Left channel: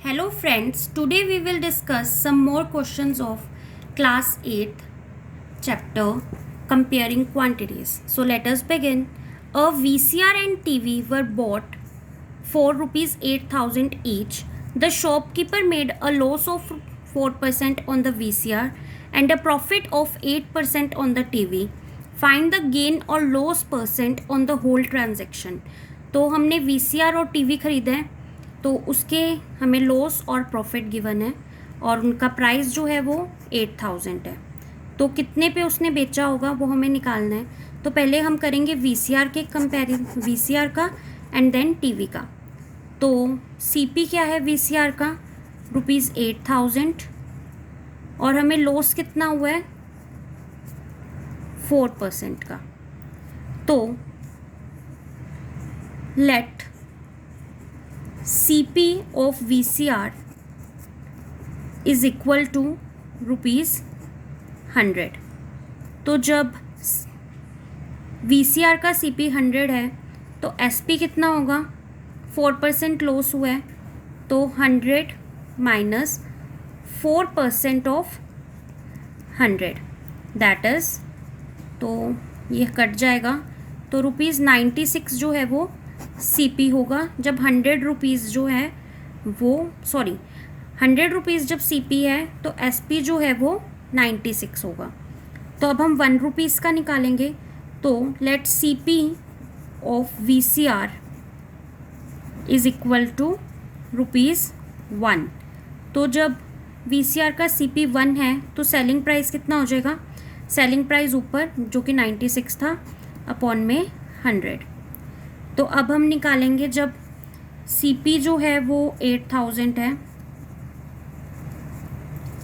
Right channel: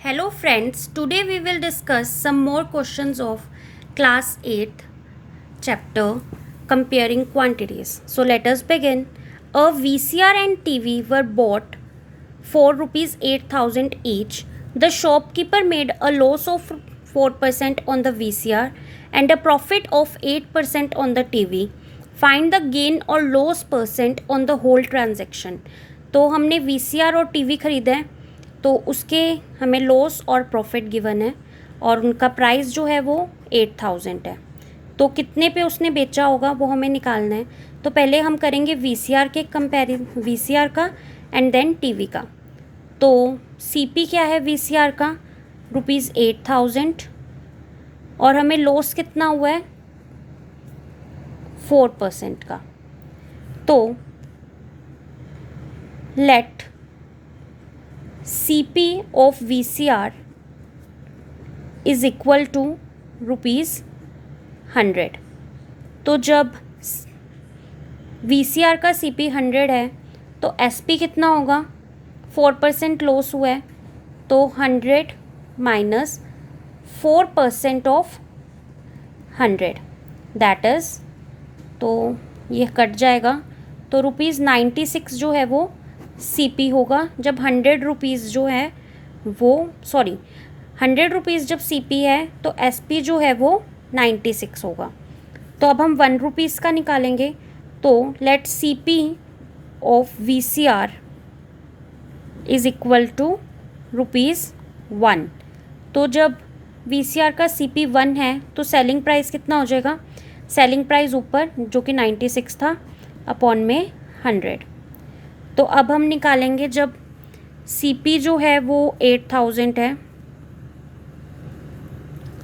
Hello friends, today we will discuss some more questions of class 8th chapter comparing quantities. So let us begin. A VCR and TV were bought for rupees 8,000 each. The shopkeeper made a loss of 4% on the VCR and a profit of 8% on the TV. Find the gain or loss percent on the whole transaction. तो हमने VCR और TV खरीदा है तो उसके हमें loss और profit given है और उनका प्राइस जो है वो 8,000 है। तो कितने पे उसने बेचा होगा वो हमें निकालना है। तो पहले हम करेंगे VCR के कंपेरिजन, VCR का एंड देन TV का। तो CP क्या है VCR का, रुपीज़ 8,000 और हमें लॉस कितना हुआ है 4% का। तो let CP of VCR is equal to rupees 100। तो जब VCR का CP 100 है तो SP कितना होगा, 4% लॉस हुआ है तो 100 माइनस 4% ऑफ 100 दैट इज़, तो ये कट जाएगा तो रुपीज़ 96 जो है वो CP होगा जब 100 रुपीज़ जो है वो 100 रुपीज़ जब CP है तो SP जो है वो 96 होगा। तो अब हम 1 रुपीज़ का निकालेंगे। तो let CP of VCR is equal to rupees 1। तो जब VCR का CP 1 है तो सेलिंग प्राइस कितना हो जाएगा, सेलिंग प्राइस ऊपर जो कि 96 था अपॉन में 100। तो अब हम निकालेंगे जब CP जो है वो 8,000 है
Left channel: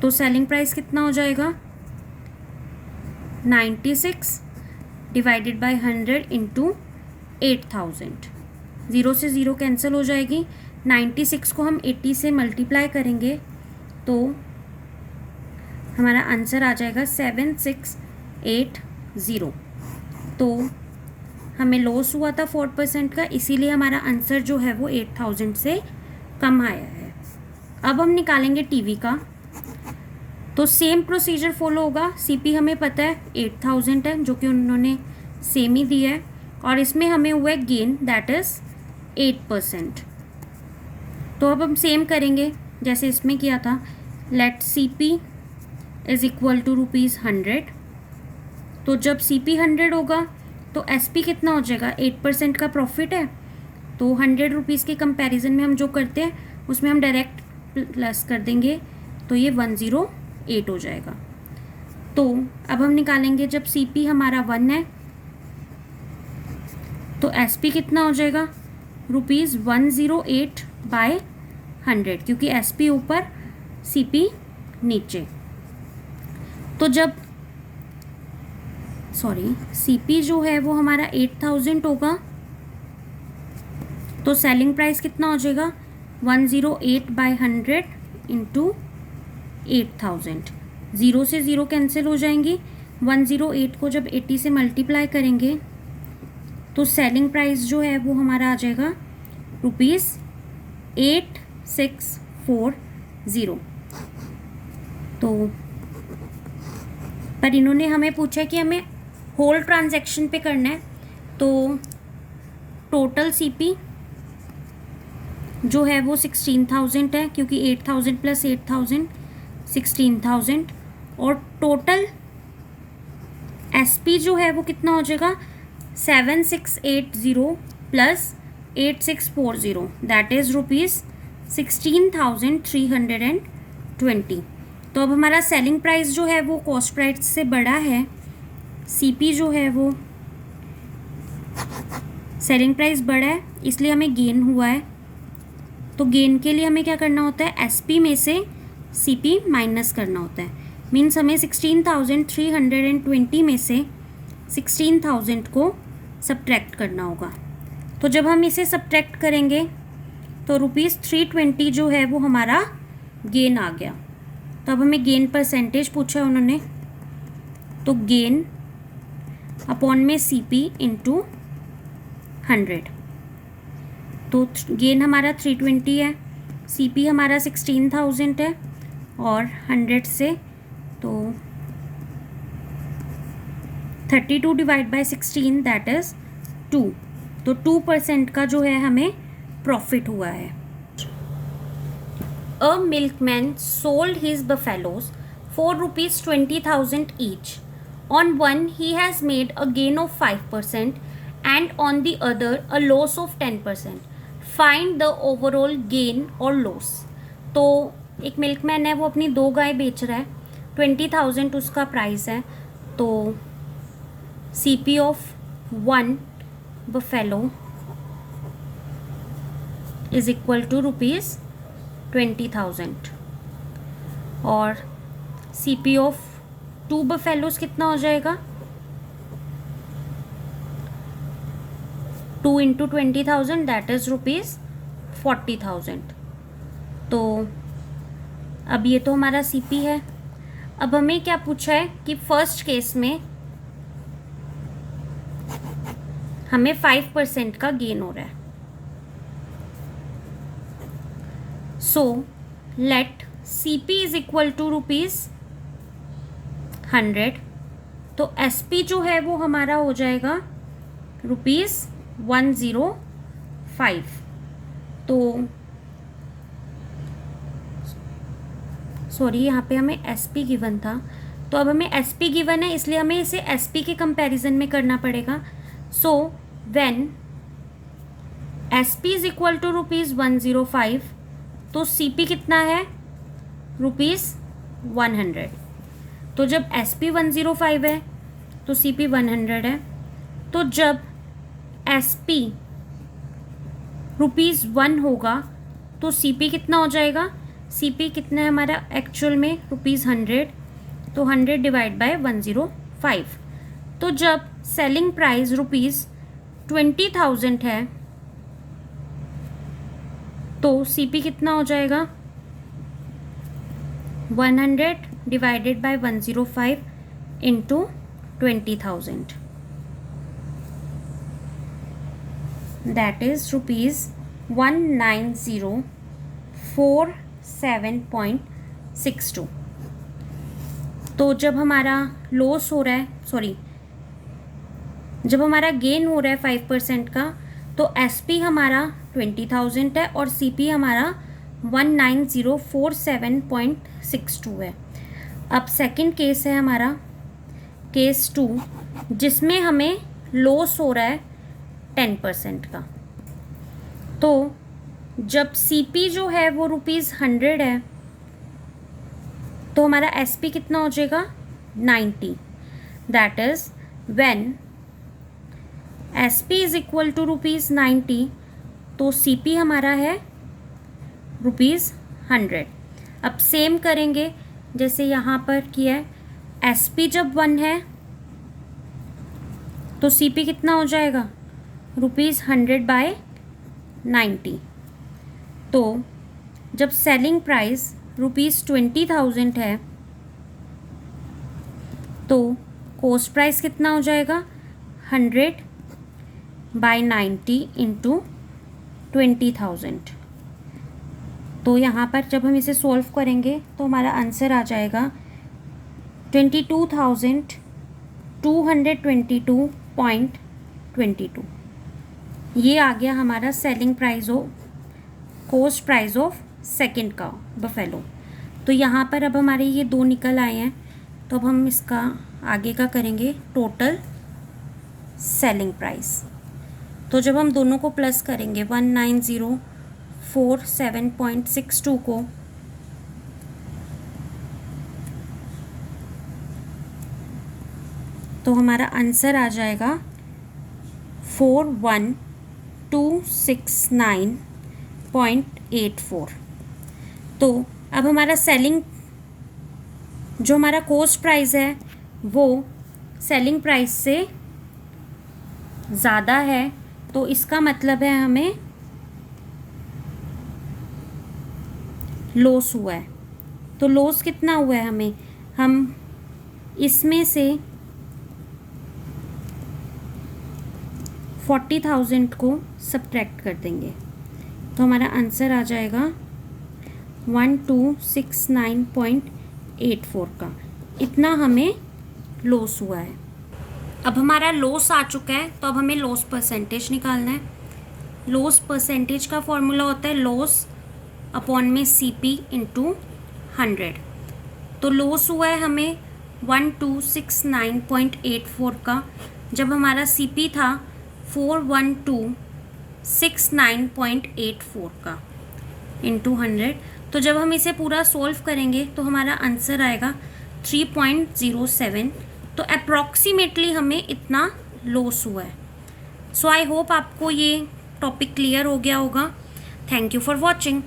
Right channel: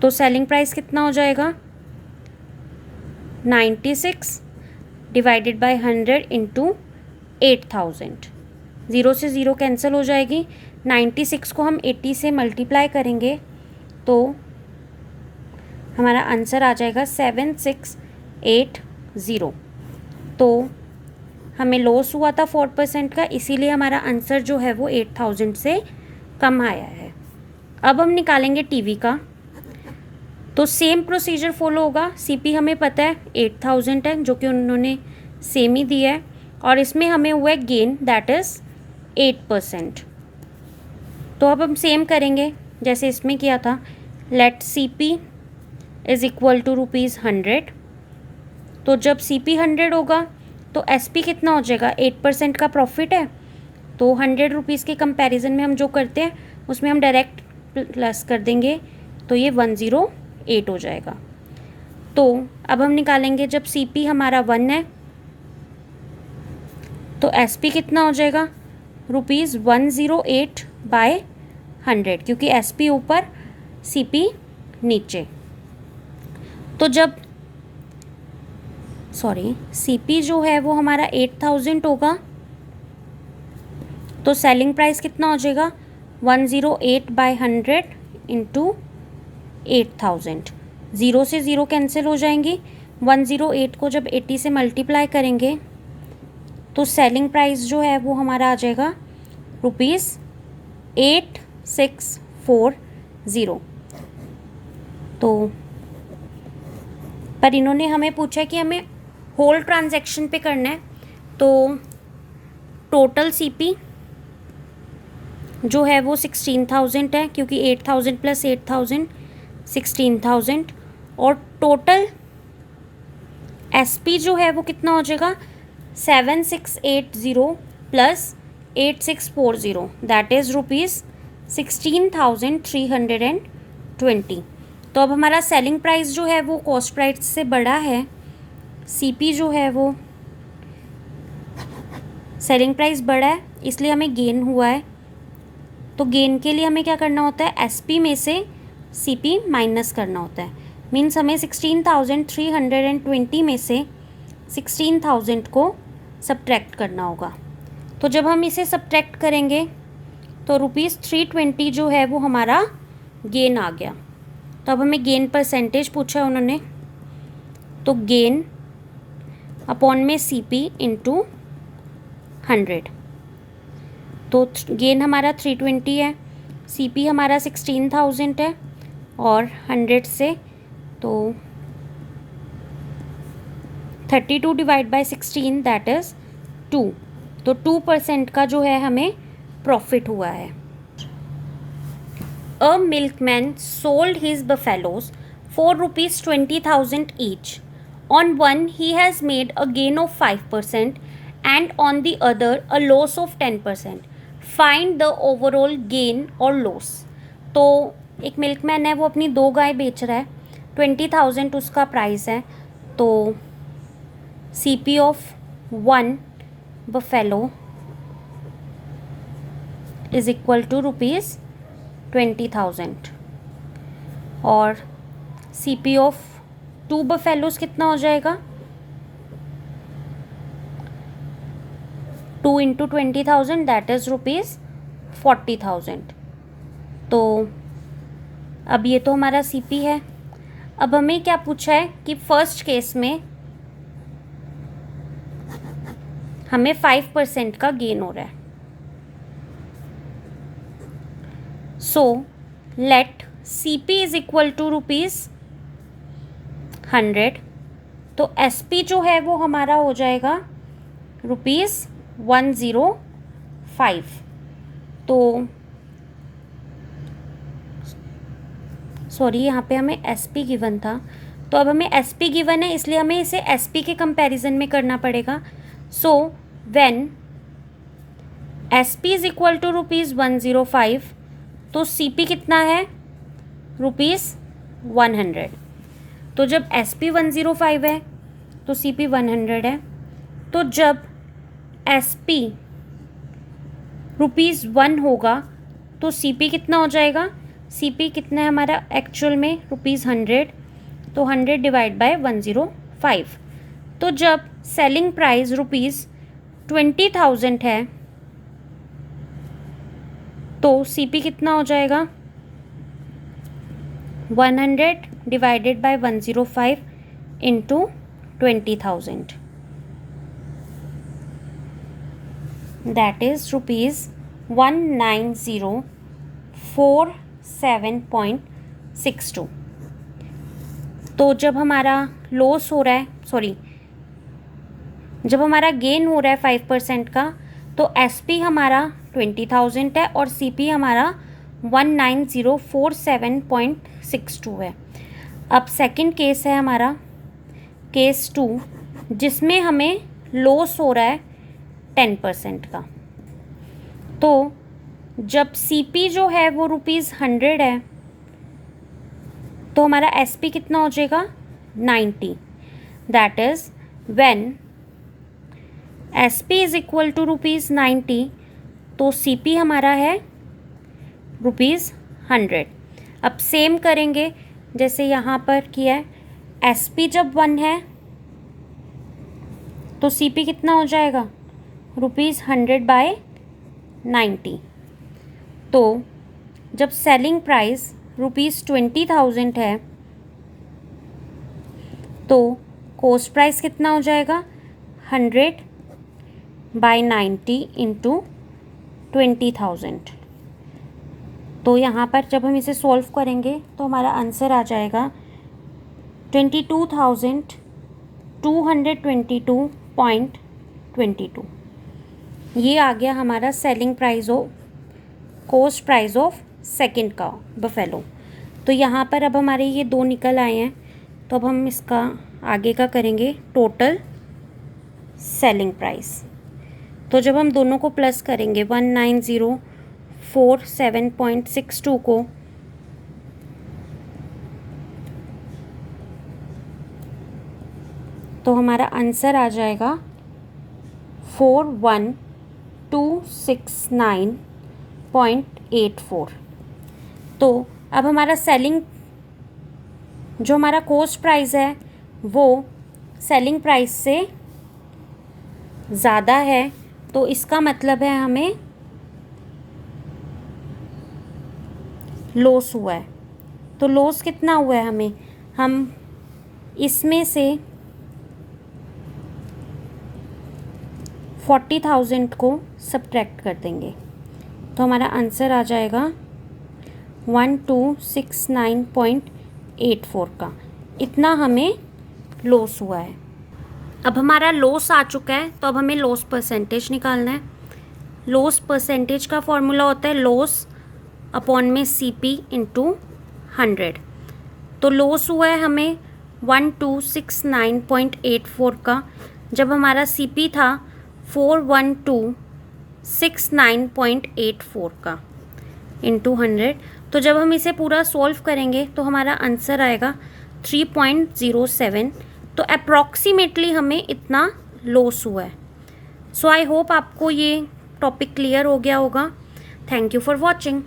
तो सेलिंग प्राइस कितना हो जाएगा 96 डिवाइडेड बाय 100 इंटू 8,000। 0 से 0 कैंसिल हो जाएगी। 96 को हम 80 से मल्टीप्लाई करेंगे तो हमारा आंसर आ जाएगा 7680। तो हमें लॉस हुआ था 4% का, इसीलिए हमारा आंसर जो है वो 8,000 से कम आया है। अब हम निकालेंगे TV का। तो सेम प्रोसीजर फॉलो होगा। CP हमें पता है 8,000 है जो कि उन्होंने सेम ही दिया है और इसमें हमें हुआ है गेन दैट इज़ 8%। तो अब हम सेम करेंगे जैसे इसमें किया था। Let CP is equal to rupees 100। तो जब CP 100 होगा तो SP कितना हो जाएगा, 8% का प्रॉफिट है तो 100 रुपीज़ के कंपैरिजन में हम जो करते हैं उसमें हम डायरेक्ट प्लस कर देंगे तो ये 108 हो जाएगा। तो अब हम निकालेंगे जब CP हमारा 1 है तो SP कितना हो जाएगा, रुपीज़ 108 बाय 100 क्योंकि SP ऊपर CP नीचे। तो जब CP जो है वो हमारा 8,000 होगा तो सेलिंग प्राइस कितना हो जाएगा 108 बाय 100 इंटू 8,000। 0 से 0 कैंसिल हो जाएंगी। 108 को जब 80 से मल्टीप्लाई करेंगे तो सेलिंग प्राइस जो है वो हमारा आ जाएगा रुपीज़ 8640। तो पर इन्होंने हमें पूछा कि हमें होल ट्रांजैक्शन पे करना है तो टोटल CP जो है वो 16,000 है क्योंकि 8,000 प्लस 8,000 16,000 और टोटल SP जो है वो कितना हो जाएगा 7680 प्लस 8640 दैट इज़ रुपीज़ 16,320। तो अब हमारा सेलिंग प्राइस जो है वो कॉस्ट प्राइस से बड़ा है। CP जो है वो सेलिंग प्राइस बड़ा है इसलिए हमें गेन हुआ है। तो गेन के लिए हमें क्या करना होता है, SP में से CP माइनस करना होता है। मीन्स हमें 16,320 में से 16,000 को सब्ट्रैक्ट करना होगा। तो जब हम इसे सब्ट्रैक्ट करेंगे तो रुपीज़ 320 जो है वो हमारा गेन आ गया। तो अब हमें गेन परसेंटेज पूछा है उन्होंने, तो गेन अपॉन में CP इंटू 100। तो गेन हमारा 320 है CP हमारा 16,000 है और 100 से तो 32 डिवाइड बाय 16 दैट इज़ 2। तो 2% का जो है हमें प्रॉफिट हुआ है। A milkman sold his buffaloes for ₹20,000 each. On one he has made a gain of 5% and on the other a loss of 10%. Find the overall gain or loss. तो एक milkman है, वो अपनी 2 गाय बेच रहा है, 20,000 उसका प्राइस है। तो CP of 1 buffalo is equal to ₹20,000 और CP ऑफ 2 बफेलोज कितना हो जाएगा? 2 × 20,000 दैट इज ₹40,000। तो अब ये तो हमारा CP है। अब हमें क्या पूछा है कि फर्स्ट केस में हमें 5% का गेन हो रहा है। So let CP is equal to ₹100। तो SP जो है वो हमारा हो जाएगा ₹105। तो सॉरी, यहाँ पे हमें SP गिवन था, तो अब हमें SP गिवन है इसलिए हमें इसे SP के कंपैरिजन में करना पड़ेगा। So when SP is equal to ₹105 तो CP कितना है? ₹100। तो जब SP 105 है तो CP 100 है। तो जब SP ₹1 होगा तो CP कितना हो जाएगा? CP कितना है हमारा एक्चुअल में? ₹100। तो 100 डिवाइड बाय 105। तो जब सेलिंग प्राइस ₹20,000 है तो CP कितना हो जाएगा? 100 divided by 105 into 20,000 that is ₹19047.62। तो जब हमारा लॉस हो रहा है, सॉरी, जब हमारा गेन हो रहा है 5% का, तो SP हमारा 20,000 है और CP हमारा 19047.62 है। अब सेकंड केस है हमारा केस 2, जिसमें हमें लॉस हो रहा है 10% का। तो जब CP जो है वो ₹100 है तो हमारा SP कितना हो जाएगा? 90। That is when SP is equal to ₹90 तो CP हमारा है ₹100। अब सेम करेंगे जैसे यहाँ पर किया है। SP जब 1 है तो CP कितना हो जाएगा? ₹100/90। तो जब सेलिंग प्राइस ₹20,000 है तो कॉस्ट प्राइस कितना हो जाएगा? 100/90 इंटू 20,000। तो यहाँ पर जब हम इसे सॉल्व करेंगे तो हमारा आंसर आ जाएगा 22,222.22। ये आ गया हमारा selling price of cost price of second का बफेलो। तो यहाँ पर अब हमारे ये 2 निकल आए हैं, तो अब हम इसका आगे का करेंगे टोटल सेलिंग प्राइस। तो जब हम दोनों को प्लस करेंगे 19047.62 को, तो हमारा आंसर आ जाएगा 41,269.84। तो अब हमारा सेलिंग जो हमारा कॉस्ट प्राइस है वो सेलिंग प्राइस से ज़्यादा है, तो इसका मतलब है हमें लॉस हुआ है। तो लॉस कितना हुआ है हमें? हम इसमें से 40,000 को सब्ट्रैक्ट कर देंगे तो हमारा आंसर आ जाएगा 1269.84 का, इतना हमें लॉस हुआ है। अब हमारा लॉस आ चुका है, तो अब हमें लॉस परसेंटेज निकालना है। लॉस परसेंटेज का फॉर्मूला होता है लॉस अपॉन में CP इंटू 100। तो लॉस हुआ है हमें 1269.84 का, जब हमारा CP था 41269.84 का इंटू 100। तो जब हम इसे पूरा सॉल्व करेंगे तो हमारा आंसर आएगा 3.07। तो अप्रॉक्सीमेटली हमें इतना लॉस हुआ है। सो आई होप आपको ये टॉपिक क्लियर हो गया होगा। Thank you for watching.